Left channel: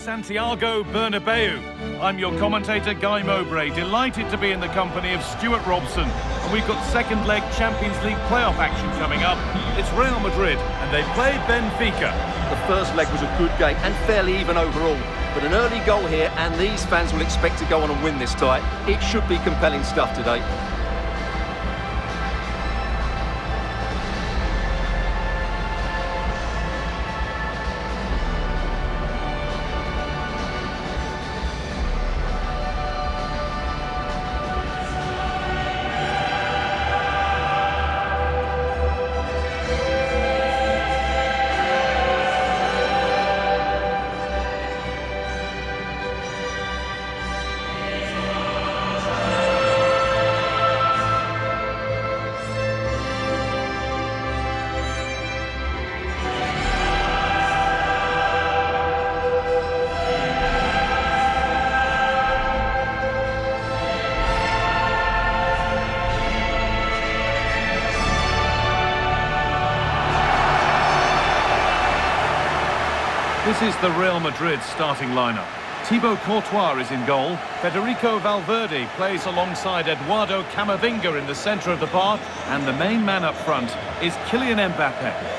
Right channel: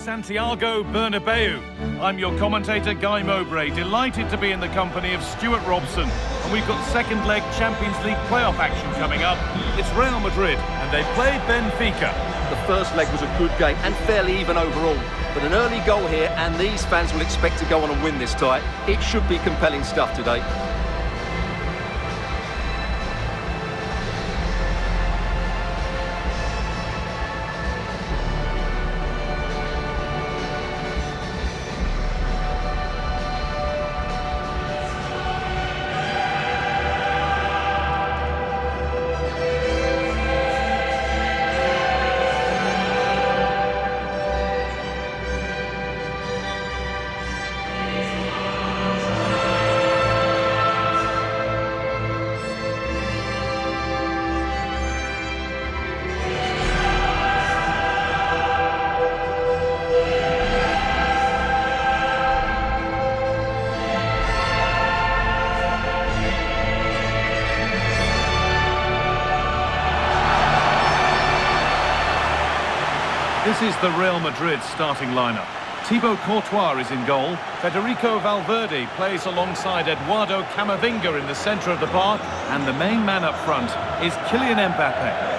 Santiago Bernabéu. I'm your commentator, Guy Mowbray, delighted to be in the company of Stuart Robson. And we've got second leg Champions League playoff action coming up. It's Real Madrid, and they play Benfica. The first leg was a good game and fairly even overall. But an early goal here, and these fans will expect to go on and win this tie. It should be compelling stuff today. This is the Real Madrid starting lineup. Thibaut Courtois is in goal. Federico Valverde plays alongside Eduardo Camavinga in the centre of the park. And the main man up front is Kylian Mbappe.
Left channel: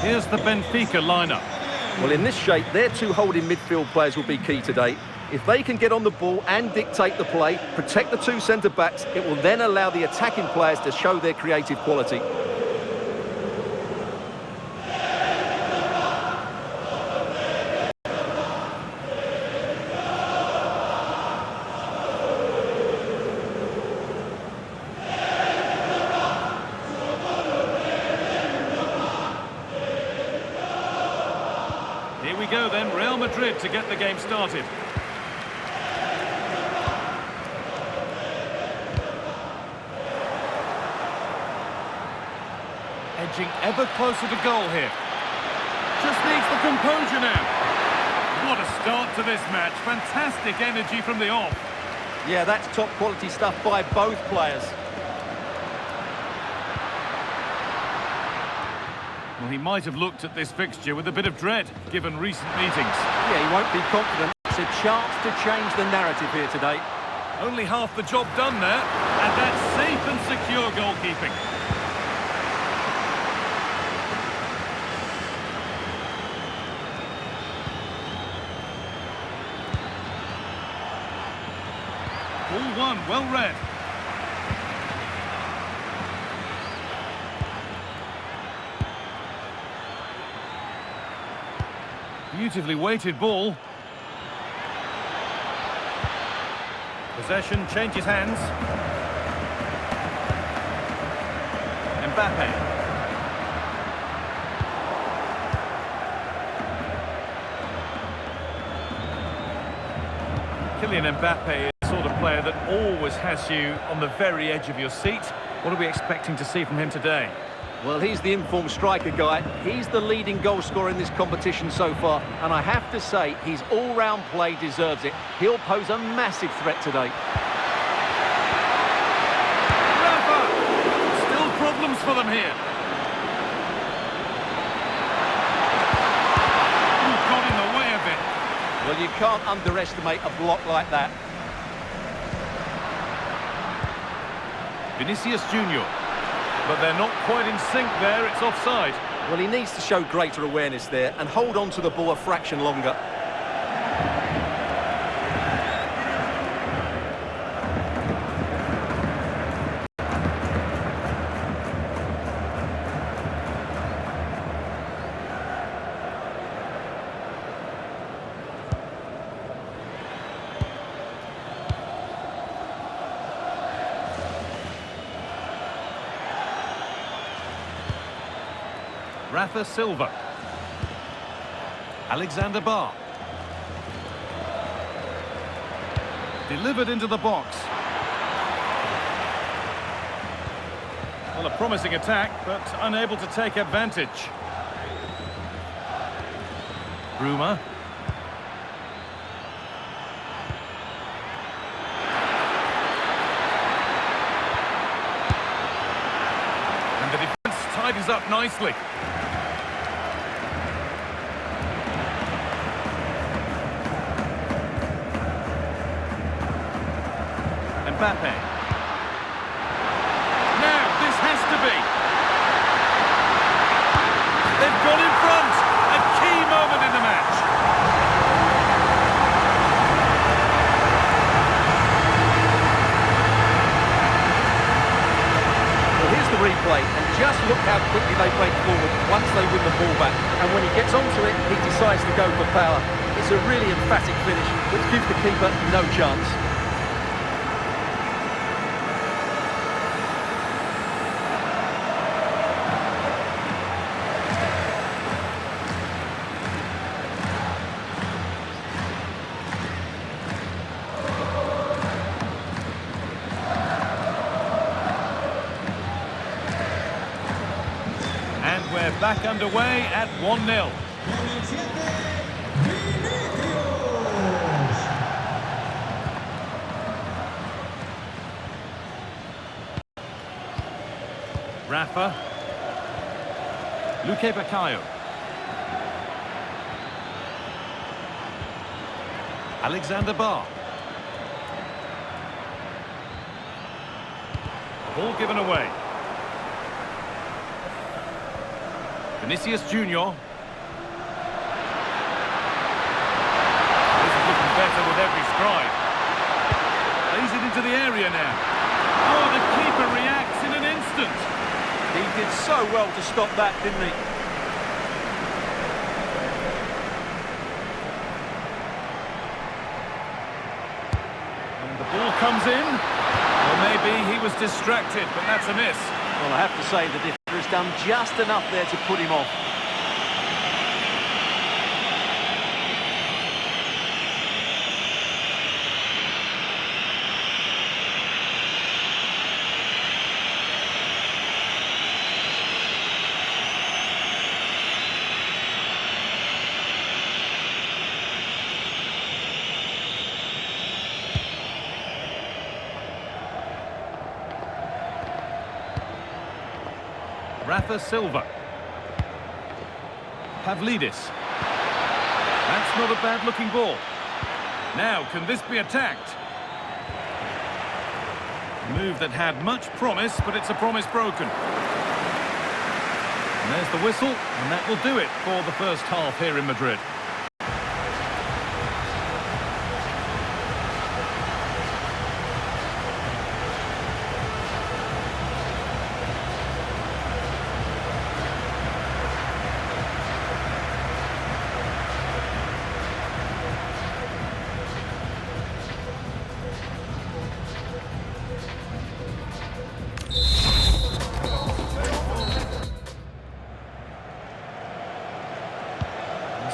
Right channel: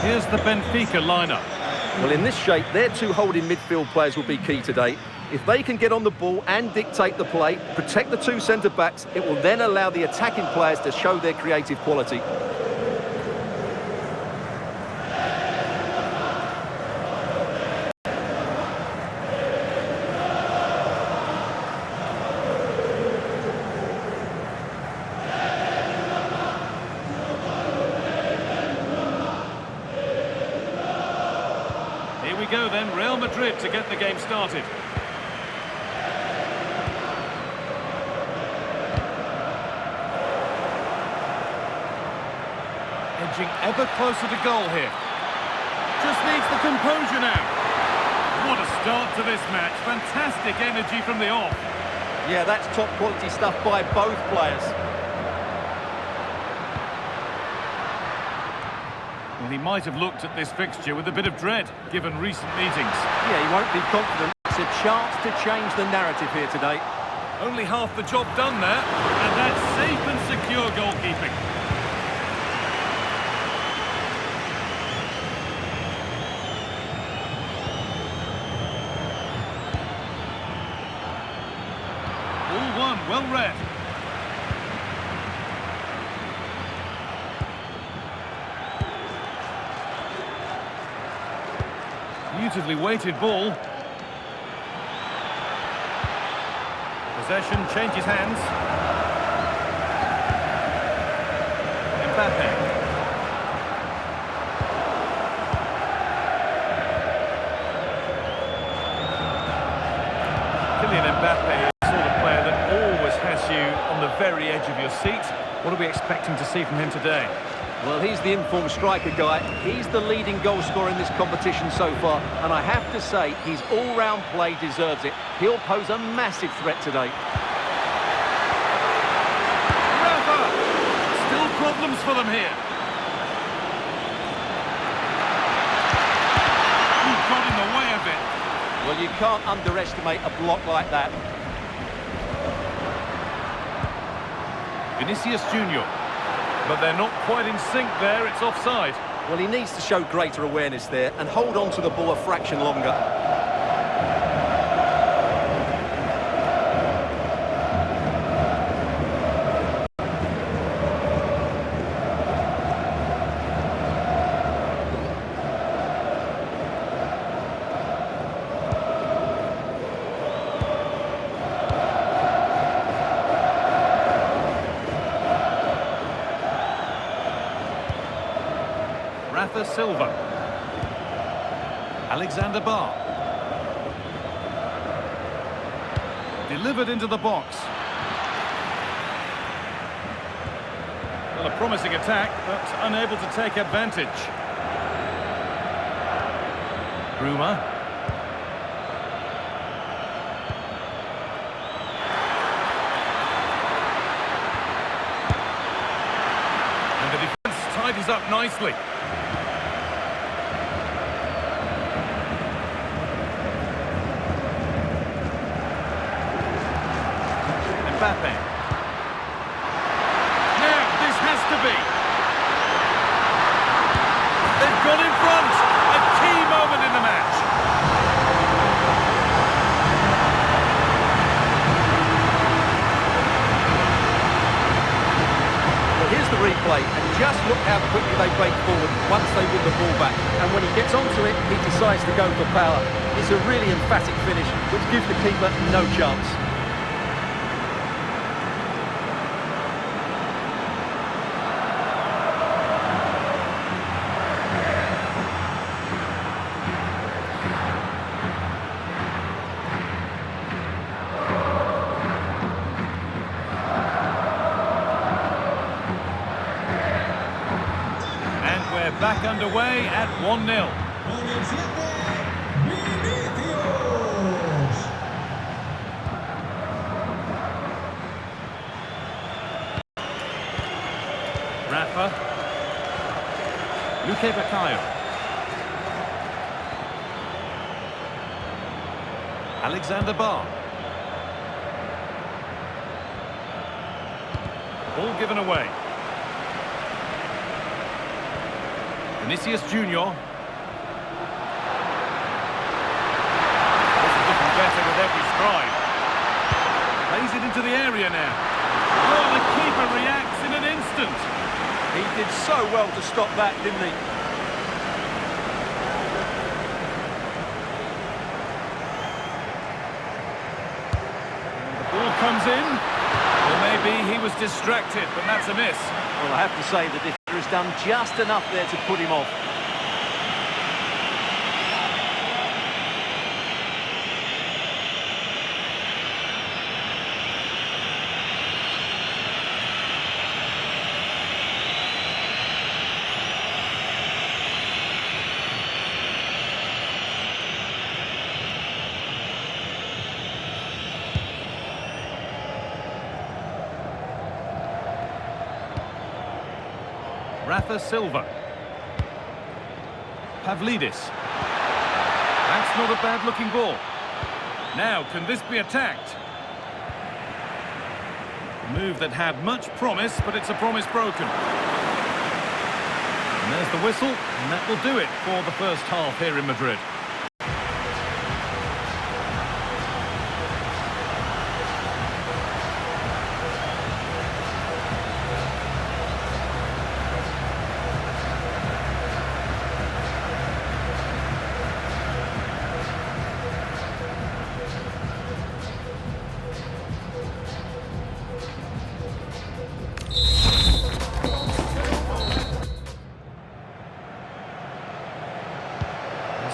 Here's the Benfica lineup. Well, in this shape, their two holding midfield players will be key today. If they can get on the ball and dictate the play, protect the two centre-backs, it will then allow the attacking players to show their creative quality. Here we go then, Real Madrid to get the game started. Edging ever closer to goal here. Just needs the composure now. What a start to this match. Fantastic energy from the off. Yeah, that's top quality stuff by both players. Well, he might have looked at this fixture with a bit of dread, given recent meetings. Yeah, he won't be confident. It's a chance to change the narrative here today. Only half the job done there, and that's safe and secure goalkeeping. Ball one, well read. Beautifully weighted ball. Possession changes hands. Mbappe. Kylian Mbappe is the sort of player that always has you on the very edge of your seat. What are we expecting to see from him today? Well, he's the informed striker guy. He's the leading goal scorer in this competition so far. And I have to say, his all-round play deserves it. He'll pose a massive threat today. Rafa! Still problems for them here. Ooh, got in the way a bit. Well, you can't underestimate a block like that. Vinicius Junior. But they're not quite in sync there, it's offside. Well, he needs to show greater awareness there and hold on to the ball a fraction longer. Rafa Silva. Alexander Bar. Delivered into the box. Well, a promising attack, but unable to take advantage. Bruma. And the defence tidies up nicely. Mbappe. Now, this has to be. They've gone in front. A key moment in the match. Well, here's the replay, and just look how quickly they break forward once they win the ball back. And when he gets onto it, he decides to go for power. It's a really emphatic finish, which gives the keeper no chance. And we're back underway at 1-0. Rafa. Luque Baccaio. Alexander Bar. The ball given away. Vinicius Junior. This is looking better with every stride. Plays it into the area now. Oh, the keeper reacts in an instant. He did so well to stop that, didn't he? And the ball comes in. Or maybe he was distracted, but that's a miss. Well, I have to say the defender has done just enough there to put him off. Rafa Silva. Pavlidis. That's not a bad-looking ball. Now, can this be attacked? A move that had much promise, but it's a promise broken. And there's the whistle, and that will do it for the first half here in Madrid.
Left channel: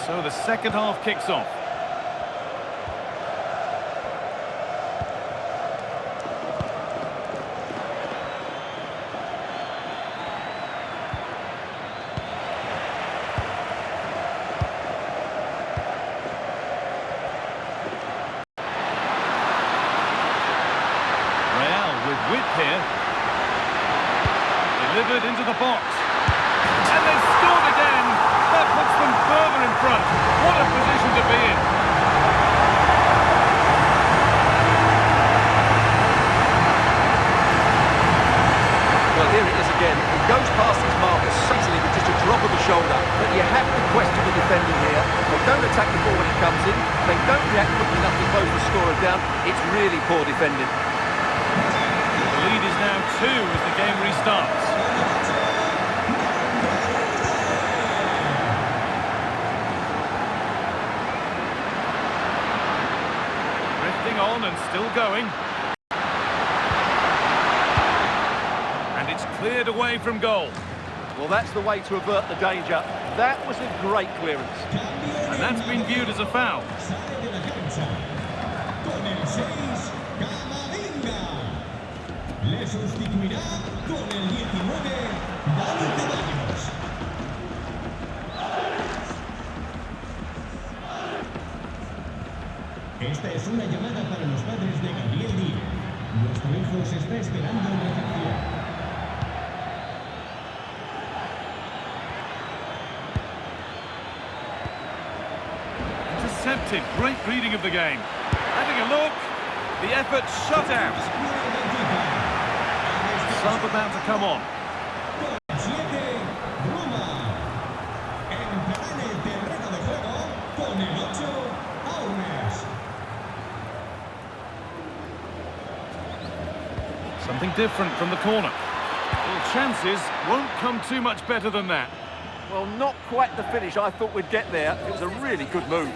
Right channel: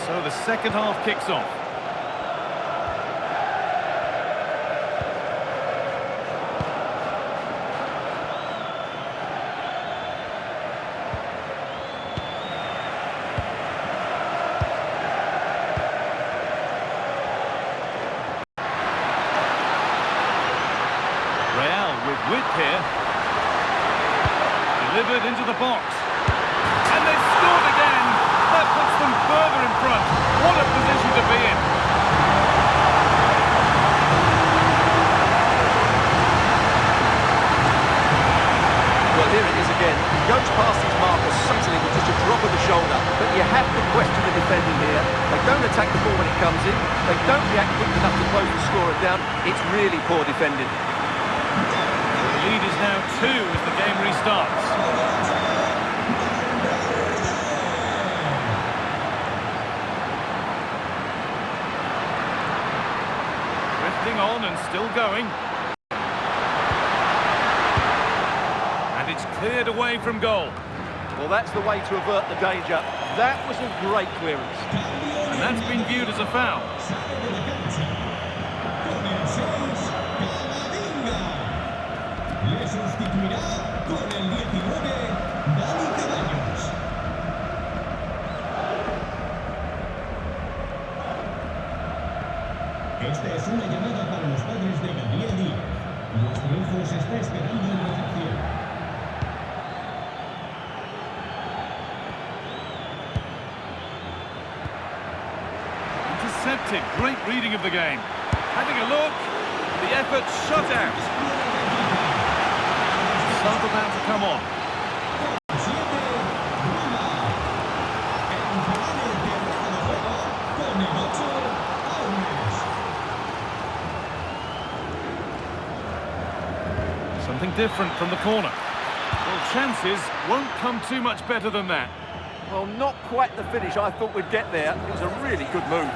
So the second half kicks off. Real with width here. Delivered into the box. And they've scored again! That puts them further in front. What a position to be in. Well, here it is again. He goes past his marker easily with just a drop of the shoulder. But you have to question the defending here. They don't attack the ball when it comes in. They don't react quickly enough to close the scorer down. It's really poor defending. Well, the lead is now 2 as the game restarts. Drifting on and still going. And it's cleared away from goal. Well, that's the way to avert the danger. That was a great clearance. And that's been viewed as a foul. Sale de la cancha. Con el 6, Camavinga. Le sustituirá con el 19, Dani Ceballos. Esta es una llamada para los padres de Gabriel Díez. Nuestro hijo se está esperando en recepción. Intercepted. Great reading of the game. Having a look. The effort shut out. Sub about to come on. Con 7, Roma. Entrará en el terreno de juego con el 8, Aunes. Something different from the corner. Well, chances won't come too much better than that. Well, not quite the finish I thought we'd get there. It was a really good move.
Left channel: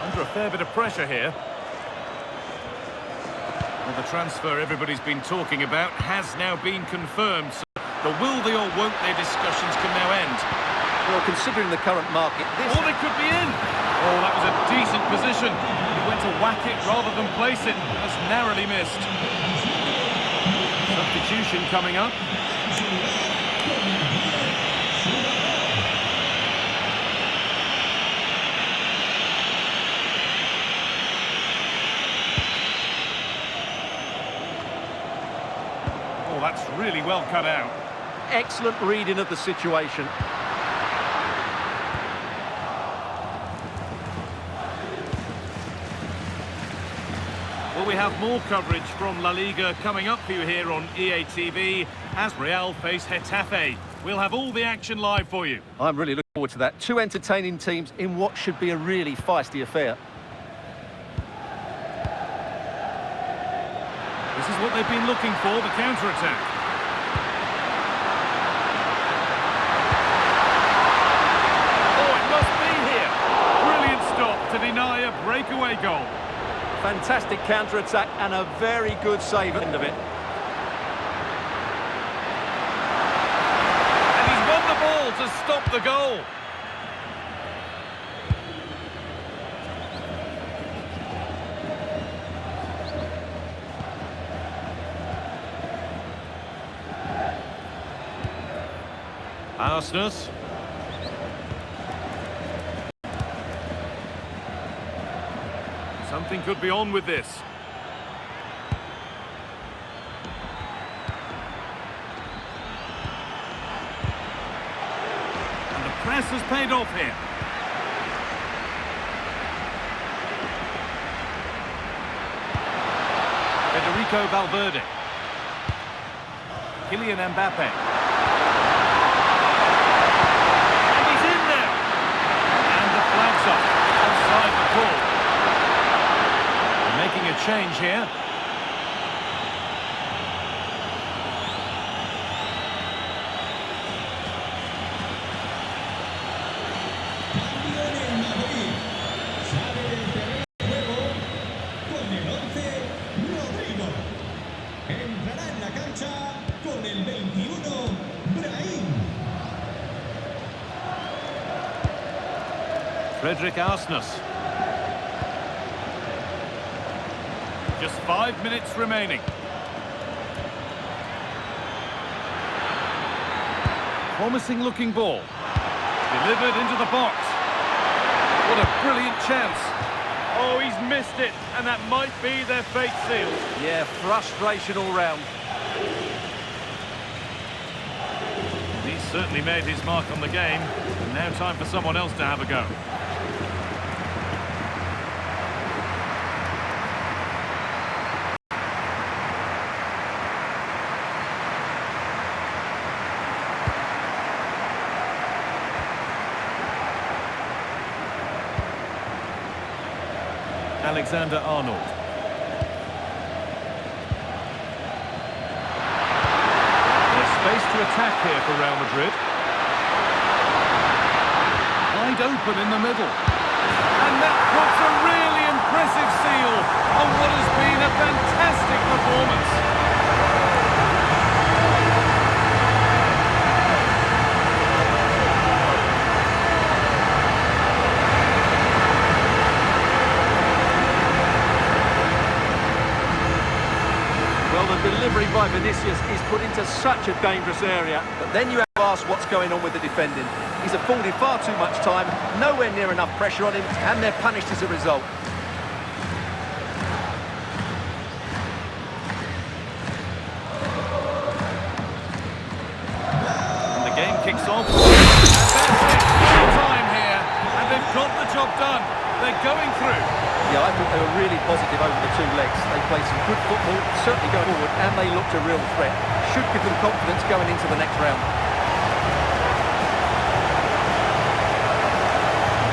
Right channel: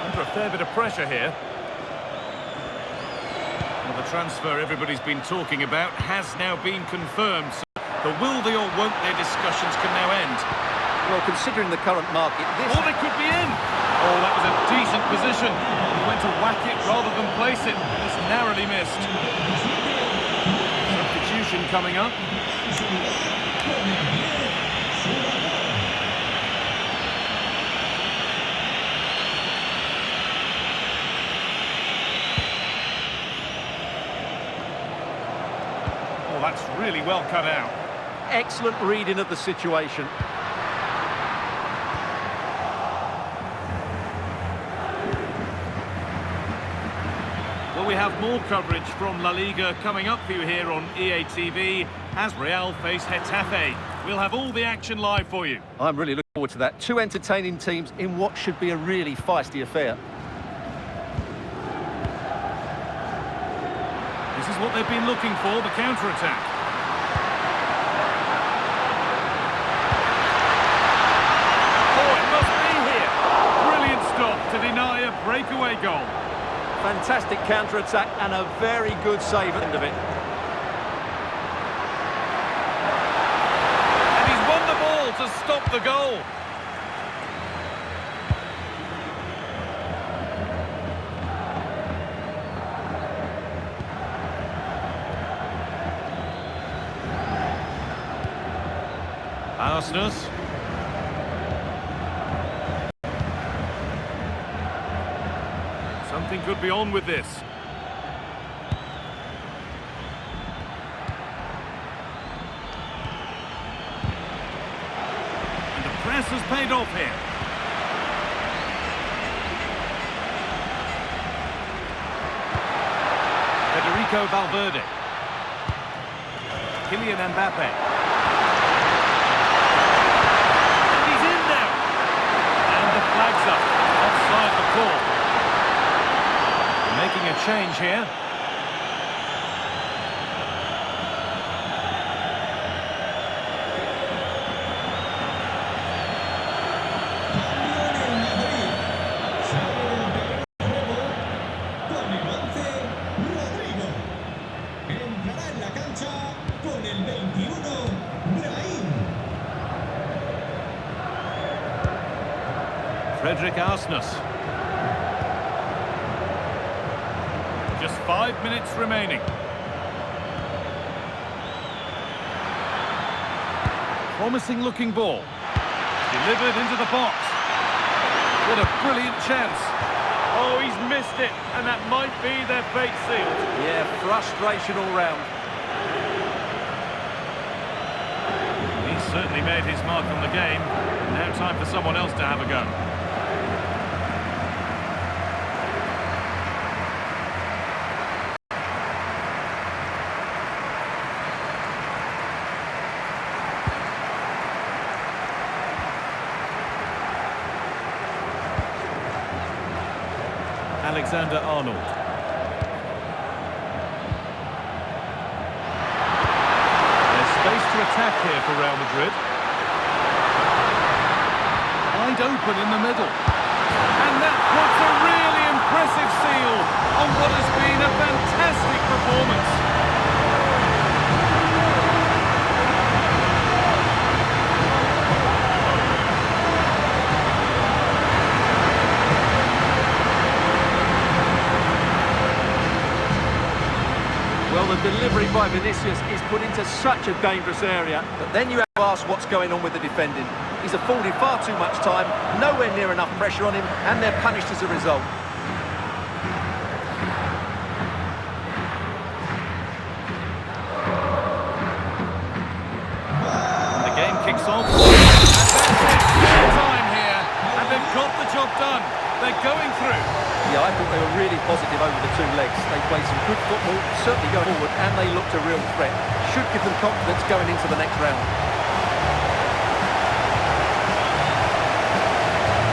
Under a fair bit of pressure here. Well, the transfer everybody's been talking about has now been confirmed. So the will they or won't they discussions can now end. Well, considering the current market, this... Or they could be in. Oh, that was a decent position. He went to whack it rather than place it, and has narrowly missed. Substitution coming up. Oh, that's really well cut out. Excellent reading of the situation. Well, we have more coverage from La Liga coming up for you here on EA TV as Real face Getafe. We'll have all the action live for you. I'm really looking forward to that. Two entertaining teams in what should be a really feisty affair. This is what they've been looking for, the counter-attack. Oh, it must be here. Brilliant stop to deny a breakaway goal. Fantastic counter-attack and a very good save at the end of it. And he's won the ball to stop the goal. Arsenal. Something could be on with this. And the press has paid off here. Federico Valverde. Kylian Mbappe. And he's in now. And the flag's up. Offside the call. Making a change here. Cambio en el Madrid. Sale del terreno de juego con el 11, Rodrigo. Entrará en la cancha con el 21, Brahim. Frederick Arsenal. Just 5 minutes remaining. Promising looking ball. Delivered into the box. What a brilliant chance. Oh, he's missed it, and that might be their fate sealed. Yeah, frustration all round. He's certainly made his mark on the game, and now time for someone else to have a go. Alexander-Arnold. space to attack here for Real Madrid. Wide open in the middle. And that puts a really impressive seal on what has been a fantastic performance. Well, the delivery by Vinicius is put into such a dangerous area, but then you have to ask what's going on with the defending. He's afforded far too much time, nowhere near enough pressure on him, and they're punished as a result. And the game kicks off. And that's it, full time here. And they've got the job done. They're going through. Yeah, I thought they were really positive over the two legs. They played some good football, certainly going forward, and they looked a real threat. Should give them confidence going into the next round. I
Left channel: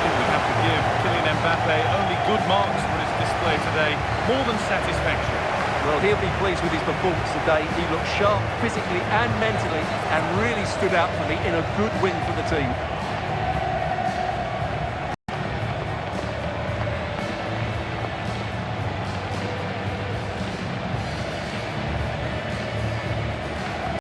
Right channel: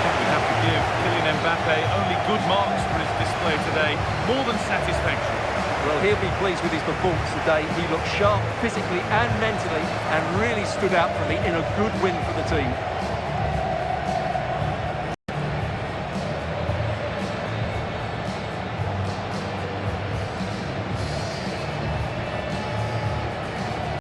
think we'd have to give Kylian Mbappe only good marks for his display today. More than satisfactory. Well, he'll be pleased with his performance today. He looked sharp physically and mentally and really stood out for me in a good win for the team.